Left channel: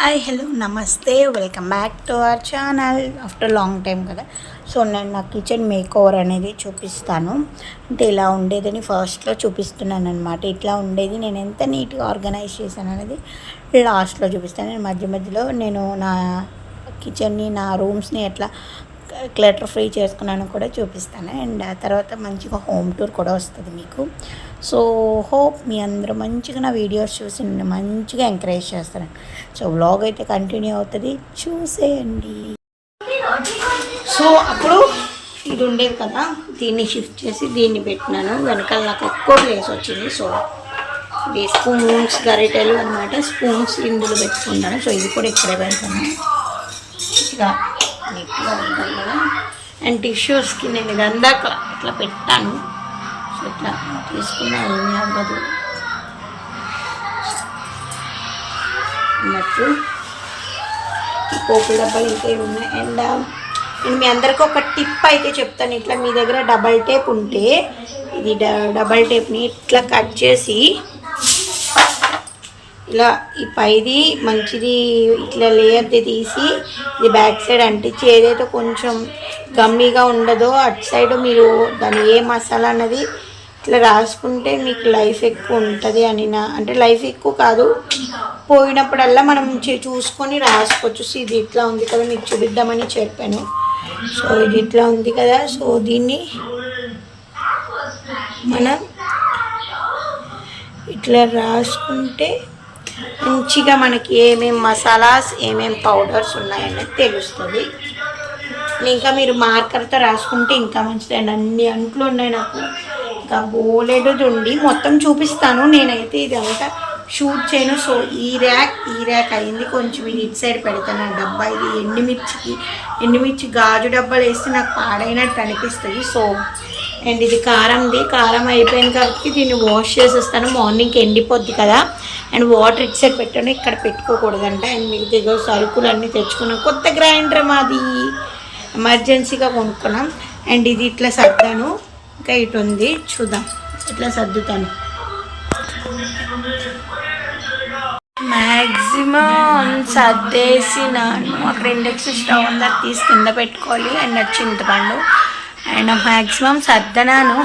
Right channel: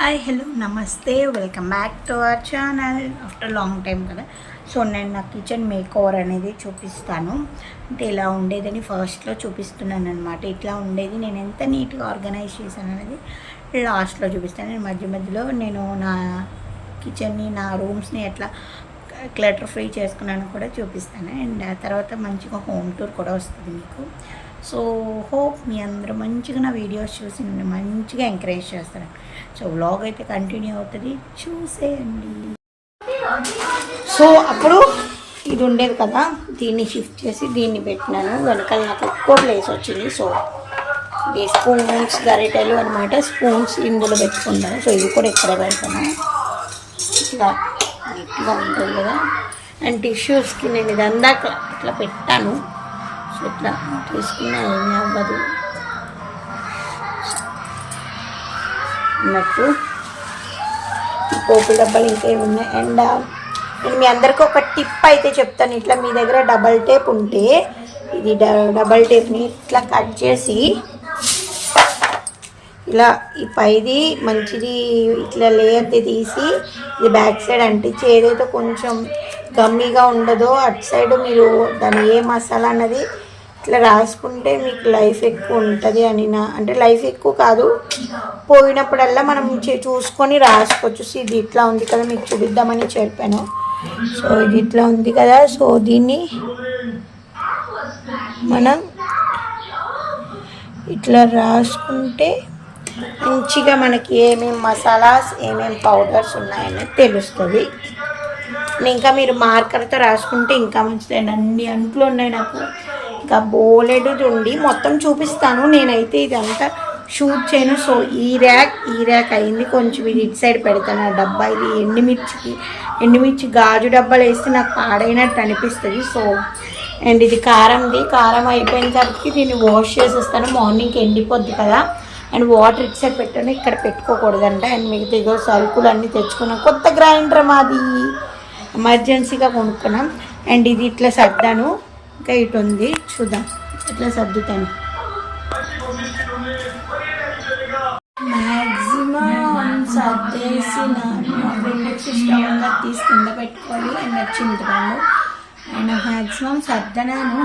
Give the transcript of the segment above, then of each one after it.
Hi hello నమస్తే welcome back to our channel after long time కదా. So నేను నా కిచెన్ మేక్ ఓవర్ అనేది చూపిస్తాను. అంటే ఇలా ఉండేదని ఫస్ట్లో చూపిస్తున్నాను అనమాట. ఇట్లా ఉండేది, నేను ఎంత నీట్గా ఆర్గనైజ్ చేశాను అనేది లాస్ట్లో చూపిస్తాను. నేను మధ్య మధ్యలో నేను నా కిచెన్ని, నా రూమ్స్ని ఎట్లా క్లటర్ ఫ్రీ చేసుకున్నాను కూడా చూపిస్తాను. అండ్ ఆ తర్వాత మంచిగా హోమ్ టూర్ కూడా వస్తుంది మీకు. సో హోప్ మీ అందరూ మంచిగా నా వీడియోస్ చూసి నన్ను మంచిగా ఎంకరేజ్ చేస్తారు. సో వ్లాగ్ అయితే కంటిన్యూ అవుతుంది, చూసేయండి. సో అప్పుడు ఇది ఉండేది కదా, దీన్ని షిఫ్ట్ చేసి దీన్ని పెట్టినాను. వెనకాల నాకు ఎక్కువ ప్లేస్ వచ్చింది. సో ఇది స్పూన్స్, గరిటెలు అనమాట. స్పూన్స్ ఇందులో పెట్టుకుంటాను. సో ఇది కూడా ఇక్కడే పెడతాను. ఇట్లా నీట్గా ఉంటుంది కదా. అండ్ టిష్యూస్కి నేను ఇదంతా ఇట్లా పెట్టాను. సో ఇట్లా తీసుకున్నా ఏమీ అవ్వదు అన్నట్టు. పోపు డబ్బాలు ఇంకా ఉన్నాయి. అండ్ నేను మీ అందరికీ ఒక టిప్ అయితే చెప్తాను. ఇట్లా మీ దగ్గర డబల్ టేప్ ఉంటే ఇది డబల్ టేప్ని ఇట్లా కట్ చేసి ఇలా ఈ పైది మంచిది ఇట్లా లేయర్ది తీసి ఇది బ్యాక్ సైడ్ అంటించి, ఏదైతే కొంచెం గమ్మీగా ఉండదో అటు సైడ్ మీరు దాని ఏ మసాలా అన్నది ఇట్లా రాసుకుంటే మీకు లైఫ్ ఎక్కువ ఉంటుంది అని అంటే లైఫ్ ఎక్కువ కాదు, పోయినప్పుడల్లా మనం చూసుకొని రాసుకోవచ్చు. సో ఇది ఇట్లా ఉంది కదా, మీకు చూపిద్దామని చెప్పాను. సో ఇది ఇట్లా ఉంది కదా. సో దీన్ని మనం ఇట్లా రాసుకుంటే మంచిగా మనకి ఏమేమి మసాలాస్, ఏమేమి పౌడర్స్ ఉన్నాయనేది తెలుస్తుంది. ఇంకా మీరు మార్కర్తో రాసుకుంటే ఇంకా మంచిది. అండ్ అన్ని అంట్లు ఉన్నాయి నాకు, ఇంకా బోలెడు ఉండి మొత్తం చూపిస్తాను. నేనైతే ఇదంతా షూట్ చేయను. సో ఈ ర్యాక్ అయింది. కొంచెం ఇది ఇటు సైడ్ పెడతాను. ఆ డబ్బా ఇది ఎండుమిర్చి గాజు డబ్బాలు వేస్తే నాకు పాడైనట్టు అనిపిస్తుంది. సో అండ్ ఇది కారం అయిపోయిన కాబట్టి దీన్ని వాష్ చేసేస్తాను. మార్నింగ్కి ఎండిపోద్ది కదా. అండ్ వాటర్ ఇటు సైడ్ పెట్టాను, ఇక్కడ పెట్టుకోకూడదంట. అండ్ మిగతా ఇగో సరుకులు అన్నీ తెచ్చుకున్నాం. కొత్త గ్రైండర్ మాది ఎమర్జెన్సీగా కొనుక్కున్నాం. అండ్ ఇది ఇట్లా సర్దాను. ఇంకా ఇటు ఉంది, చూద్దాం ఇట్లా సర్దుతాను. మ్యాక్సిమం సర్దేసినాను. అక్కడ ఇండక్షన్ స్టవ్ ఉందా తీసి కింద పెట్టుకోవాలి. అండ్ అది చింతపండు. అండ్ మ్యాక్సిమం సర్దనాను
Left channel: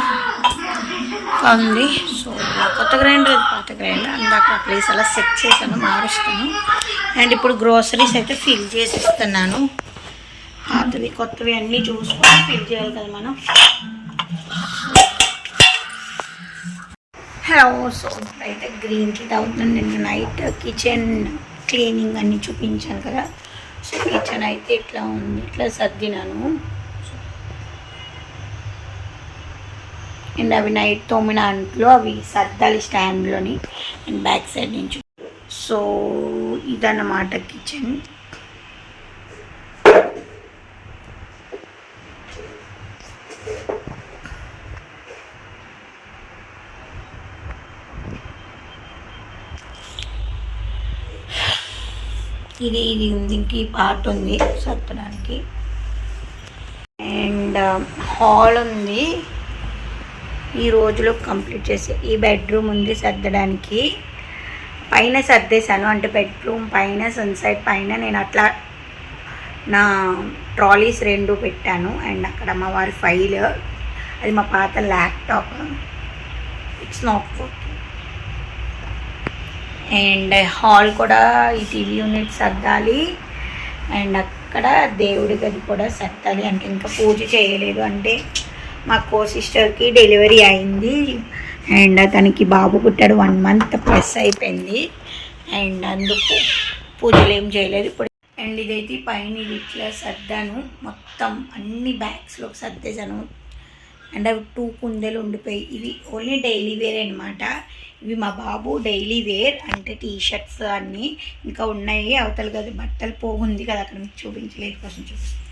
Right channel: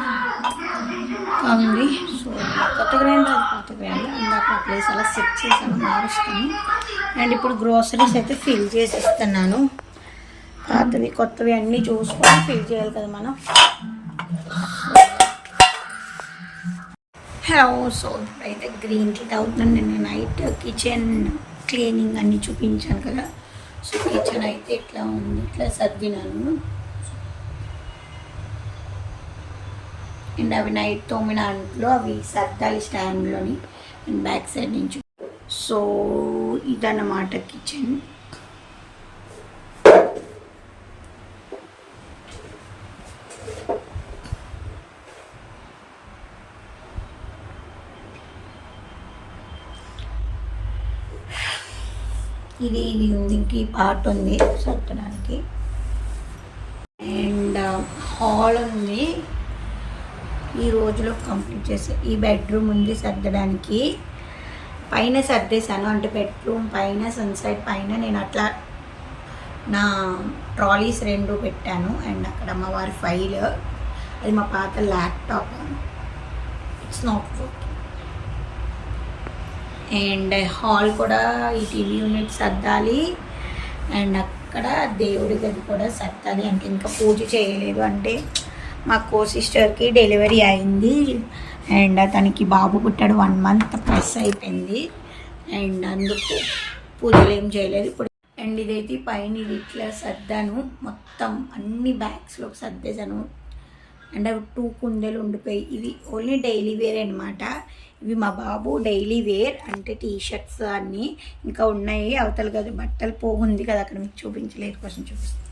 ఉంది. సో కొత్త గ్రైండర్, అది పాత గ్రైండర్. అందాక ప్లేస్ అలా సెట్ చేశాను, మారుస్తాను. అండ్ ఇప్పుడు గ్రోసరీస్ అయితే ఫిల్ చేసేస్తున్నాను. పాతవి కొత్తవి అన్నీ చూసుకొని ఫిల్ చేయాలి కదా మనం. హలో, సో ఇప్పుడైతే గ్రీన్ టీ తాగుతున్నాను. నిన్న నైట్ కిచెన్ క్లీనింగ్ అన్నీ చూపించాను కదా. సో కిచెన్ అయితే ఇట్లా ఉంది, ఇట్లా సర్దినాను. అండ్ అవి నైట్ తోమిన అంట్లో అవి సర్దాలి స్టాండ్లోని. అండ్ బ్యాక్ సైడ్ నుంచి. సో ఇదన్నమాట కిచెన్. ఇది ఉంది, ఇంక ఈ పార్ట్ ఉంది సర్పడానికి. అండ్ హాల్ ఉంది, ఈ రోజులో కంప్లీట్ చేసి. ఈ బెడ్రూమ్ ఉంది సర్దడానికి. పైన సర్దేశాను, అంటే బెడ్రూమ్ పైన సన్సైడ్ పైన నేను అట్లా నా ట్రాలీస్ 2 పెట్టాను. అండ్ అక్కడ మా వారి ఫైల్, అది మా పాత laptop, it's not working. And hall కూడా ఈ టీవీ యూనిట్ సర్దాలి. అండ్ అక్కడ దేవుడి గది కూడా సర్దాలి. అంటే ఇంకా పూజ చేయలేదు, అంటే మా సిస్టర్కి డెలివరీ అయింది. అండ్ తనకి బాబు పుట్టాడు, 1 month ప్లస్ అయిపోయింది. అండ్ అందుకు పూజలు ఏం చేయలేదు ఇప్పుడు. అండ్ ఇదైతే పైన ఇది ఇట్లా సర్దాను, మొత్తం అన్ని బ్యాగ్స్లోకి సర్దేశాను. అండ్ అవి 2 కుందెలు ఉండిపోయి, ఇవి ఓన్లీ డైలీ వేర్ అనమాట. ఇవి మా బాబు డైలీ వేర్, అంటే టీషర్ట్స్ అన్నీ ఇంకా ఉన్నాయి. అవతల కదా బట్టలు పోగుంది కదా, అక్కడ మీకు చూపించలేదు, కోసం చూపిస్తాను.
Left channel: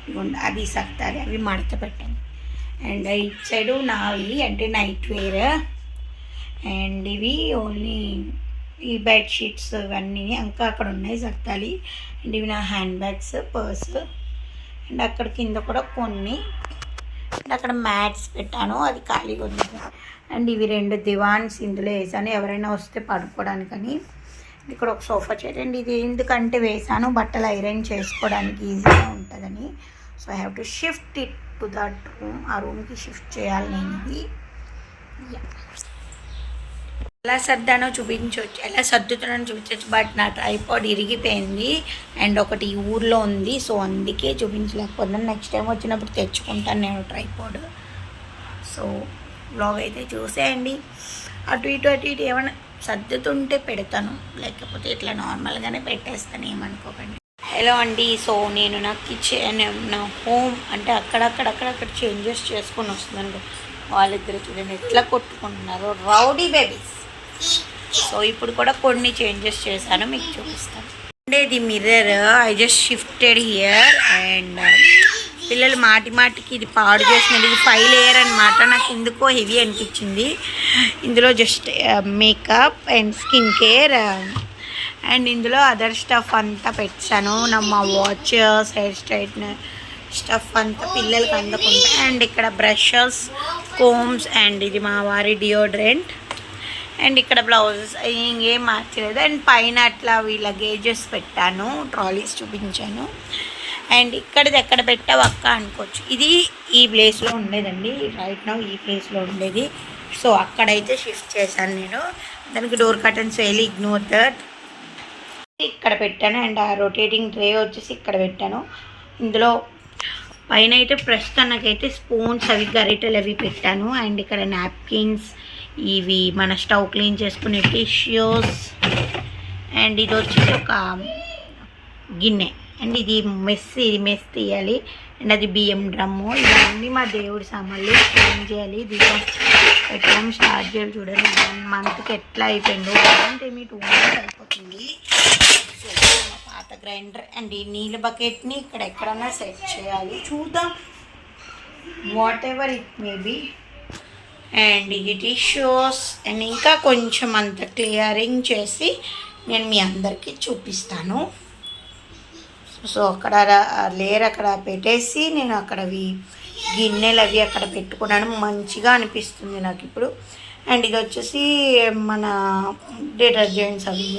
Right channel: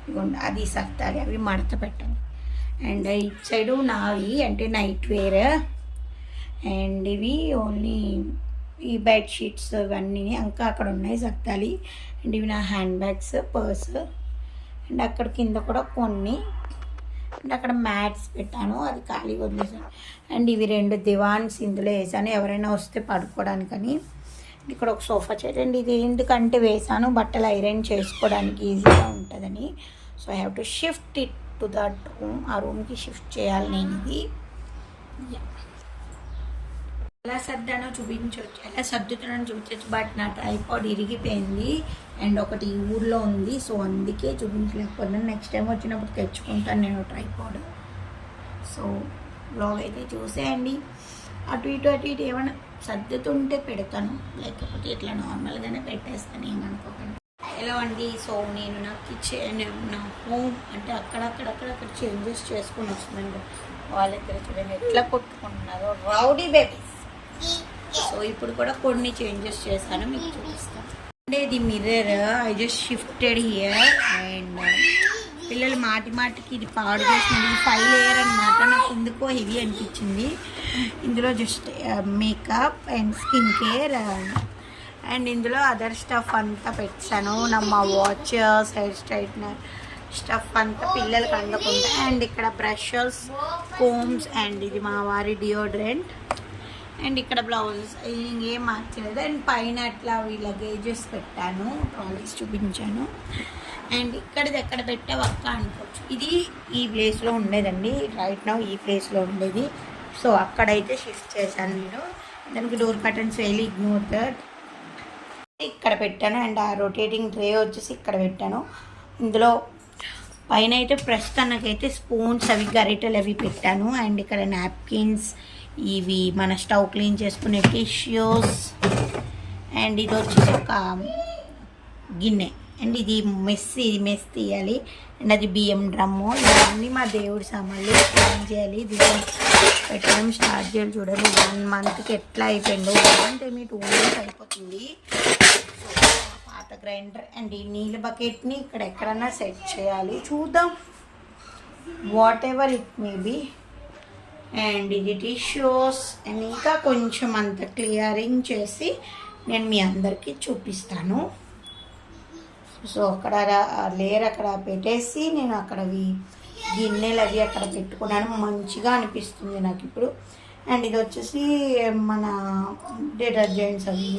ఇదిగోండి, అది సర్దాలి, అవి మడత పెట్టాను. అండ్ ఇటు సైడు నావి అంటే నైట్ వేర్. అండ్ ఇవి ఓన్లీ ఈ బెడ్షీట్స్ ఇవన్నీ ఇంకా అక్కడ ఉన్నాయి, సర్దాలి. అండ్ ఇవి నా హ్యాండ్ బ్యాగ్స్, పర్స్. అండ్ అక్కడ కింద కూడా కొన్ని. అండ్ అక్కడ మ్యాట్స్ పెట్టాను, అది ఖాళీగా ఉంది. అండ్ ఇవి 2 దివాన్స్ ఇందులో వేసాను, ఎవరైనా వస్తే పడుకోవడానికని. ఇక్కడ ఒక సోఫా సెట్ అండి. ఇది ఎందుకంటే వేసాను బట్టలు ఐరన్ చేసుకోవడానికి ఈజీగా ఉంటుందని. So I have to shift it to that room. ఆ రూమ్కి షిఫ్ట్ చేయాలి నేను ఇది. ఎలా సర్దానో చూపించవచ్చు, ఎలా సర్దుతున్నానో చూపించవచ్చు. బట్ నా ట్రైపాడ్ ఇరిగిపోయింది అండ్ ఒకటి ఊర్లో ఉంది. సో అందుకే చూపించలేకపోతున్నాను. నెక్స్ట్ టైం వచ్చినప్పుడు తెచ్చుకుంటాను నేను ట్రైపాడ్. సో బ్లాగ్ అయితే చూసేయండి. అటు ఇటు ఏమైనా సర్దుతుంటే పెడతాను, లేకపోతే ఇట్లా నార్మల్గానే పెట్టేస్తాను, ఏమనుకోకండి. హలో అండి. సో నేను నా కిచెన్, నా హోమ్ అంటే అక్కడక్కడ చేంజెస్ చేసుకొని వస్తున్నాను. వాళ్ళిద్దరు చూడండి ఎట్లా కొట్టుకుంటున్నారు, రౌడీ బేబీస్. సో ఇప్పుడు కూడా కొన్ని చేంజెస్ చేశాను, మీకు చూపిస్తాను. అంటే ఇది mirror I just shifted here and పిల్లలు మాటికి ఇది పాడు చేసినది. ఇది 5 లేయర్ అనమాట. నాకు ఎందుకో హెవీ అనిపించింది. ఇందులో just makeup and skin care and ఇందులో అదర్ స్టఫ్ అంతా పెట్టాను. మా వాచెస్, హెయిర్ స్ట్రైట్నర్ స్టఫ్ అంతా పిల్లలకి అందకుండా. అండ్ ఇక్కడ బ్రషెస్, కోమ్స్ అండ్ ఇది మా వారి డియోడ్రెంట్. అండ్ ఇక్కడ బ్లౌజెస్ ఇంకేం మార్చలేదు. అండ్ పైన అట్లా వీళ్ళ గేజెస్ పెట్టాను, ట్రాలీస్ చూపించాను. అండ్ ఇక్కడిది ఎక్కడ పెట్టావు అక్క అనుకోవచ్చు. ఇది ఈ ప్లేస్లో ఉండేదండి, రైట్ నౌ ఈ ప్లేస్లో ఉండేది. సో అక్కడైతే షిఫ్ట్ చేశాను నేను. దానికి డోర్ కర్టన్స్ వేయాలి, ఇగ్నోర్ దట్. ఇక్కడ పెట్టాను. అండ్ ఆ రొటేటింగ్ ట్రే వచ్చేసి ఇక్కడ పెట్టాను. ఇందులో పైన అయితే ప్రస్తుతానికైతే స్పూన్స్ అవి గరిటెలు అవి పెట్టాను. అండ్ ఇక్కడ నాప్కిన్స్, ఇవి మన స్టవ్ క్లీన్ చేసుకునే టిష్యూస్. అండ్ ఇది వచ్చేసి ఒక గిన్నె. అండ్ ఇది మెస్ తీయాలి. అండ్ అది బియ్యం డ్రమ్ము. ఇవన్నీ మా దేవుడి సామాన్లు క్లీన్ చేయాలి. దీపం పెట్టడం స్టార్ట్ చేయాలి. చూడండి 1 మంత్కి ఎట్లా అయిపోయిందో. 1 మంత్ ఏమి 2 మంత్స్ అయిపోతుంది. సో పాత గ్రైండర్ అండ్ ఈ నీళ్ళ బకెట్ని ఇక్కడ ఎక్కడన్నా సెట్ చేయాలి. చూద్దాం, whatever it may be. And ఇది టిష్యూస్. అండ్ ఇంకా కొంచెం అంత క్లియరింగ్ చేసి నేను మీ అందరికీ చూపిస్తాను. సో అక్కడ లేయర్ అక్కడ పెట్టేసి నేను అక్కడవి గిన్నెలు అవి అక్కడ పెట్టుకున్నాను. మంచిగా అనిపిస్తుంది నాకు ఇప్పుడు. అండ్ ఇది వచ్చేసి మన డిటర్జెంట్స్ అవి.